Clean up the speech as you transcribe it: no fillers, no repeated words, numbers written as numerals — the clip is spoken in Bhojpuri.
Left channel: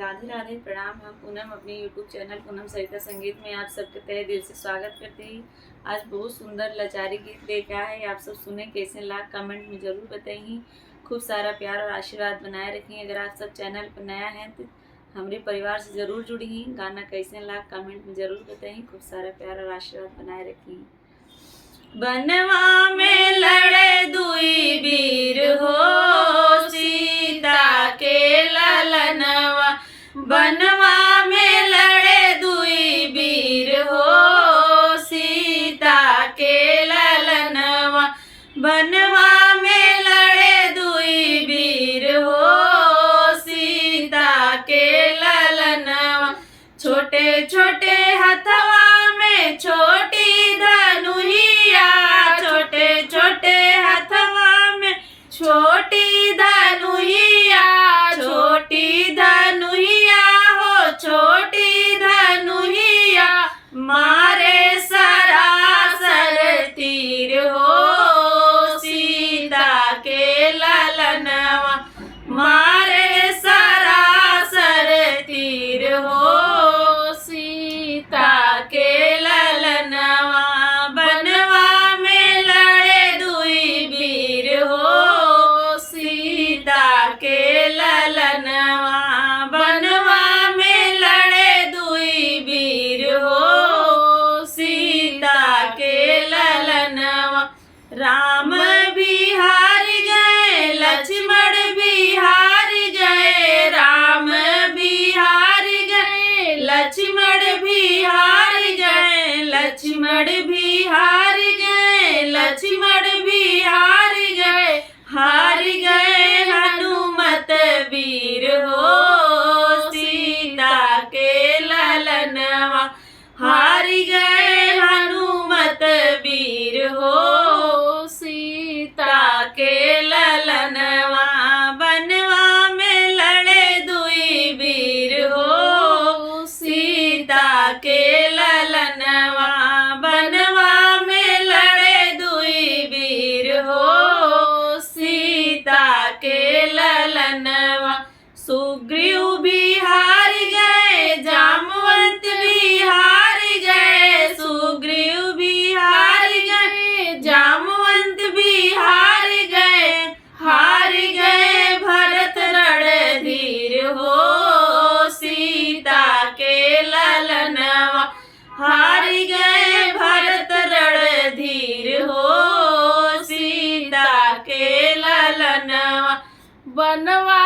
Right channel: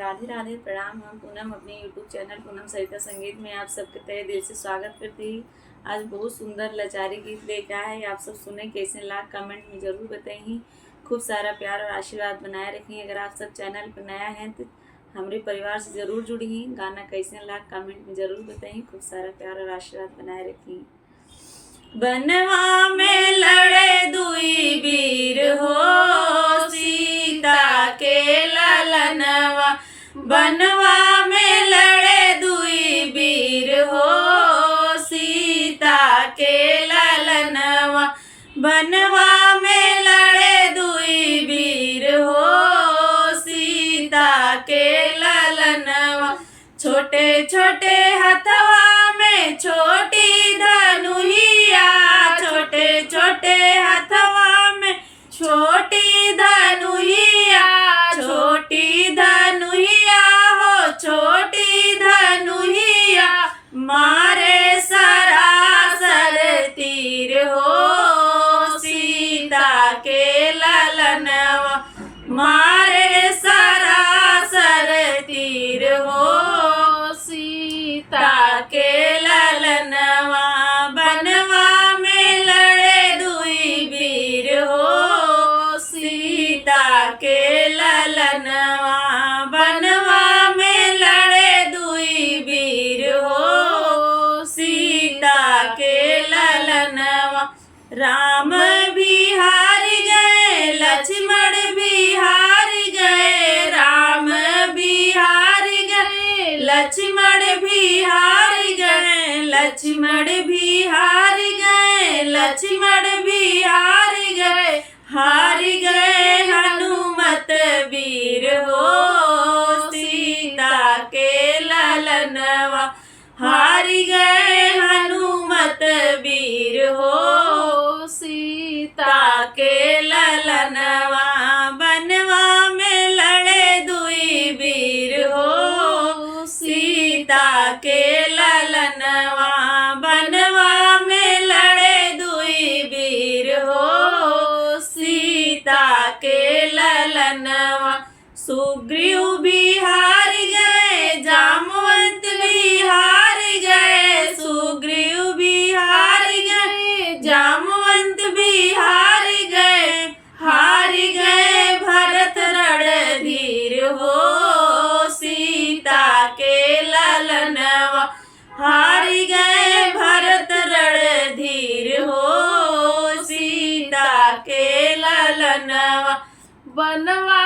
राधे राधे प्रणाम। हम पूनम अपने यूट्यूब चैनल पूनम सरिता संगीत में आप सबके तहे दिल से स्वागत करते ही आज बहुत सुंदर लाचारी गीत लेकर आए हैं। आप सब सुने कैसे लाख कमेंट में ज़रूर बताइए। खूब सारा प्यार और आशीर्वाद बनाए रखिए। अगर आप सब चैनल पर नया हैं तो हमारे परिवार से ज़रूर जुड़िए। गाना कैसे लाख कमेंट में ज़रूर बताइए। खूब सारा प्यार और आशीर्वाद बनाए रखिए। बनवा में लड़े दुई वीर हो, सीता के ललनवा। बनवा में लड़े दुई वीर हो, सीता के ललनवा। बनवा में लड़े दुई वीर हो, सीता के ललनवा। छोटे छोटे हथवा में छोटी धनुहिया, छोटे छोटे हथवा में छोटी धनुहिया। छोटी धनुहिया हो, छोटी धनुहिया। मारे सरासर तीर हो, सीता के ललनवा। मारे सरासर तीर हो, सीता के ललनवा। बनवा में लड़े दुई वीर हो, सीता के ललनवा। बनवा में लड़े दुई वीर हो, सीता के ललनवा। राम भी हार गए, लक्ष्मण भी हार गए। राम भी हार गए, लक्ष्मण भी हार गए। लक्ष्मण भी हार गए, लक्ष्मण भी हार गए। हार गए हनुमत वीर हो, सीता के ललनवा। हार गए हनुमत वीर हो, सीता के ललनवा। बनवा में लड़े दुई वीर हो, सीता के ललनवा। बनवा में लड़े दुई वीर हो, सीता के ललनवा। सुग्रीव भी हार गए, जामवंत भी हार गए। सुग्रीव भी हार गए, जामवंत भी हार गए। हार गए भरत रणधीर हो, सीता के ललनवा। हार गए भरत रणधीर हो, सीता के ललनवा। बनवा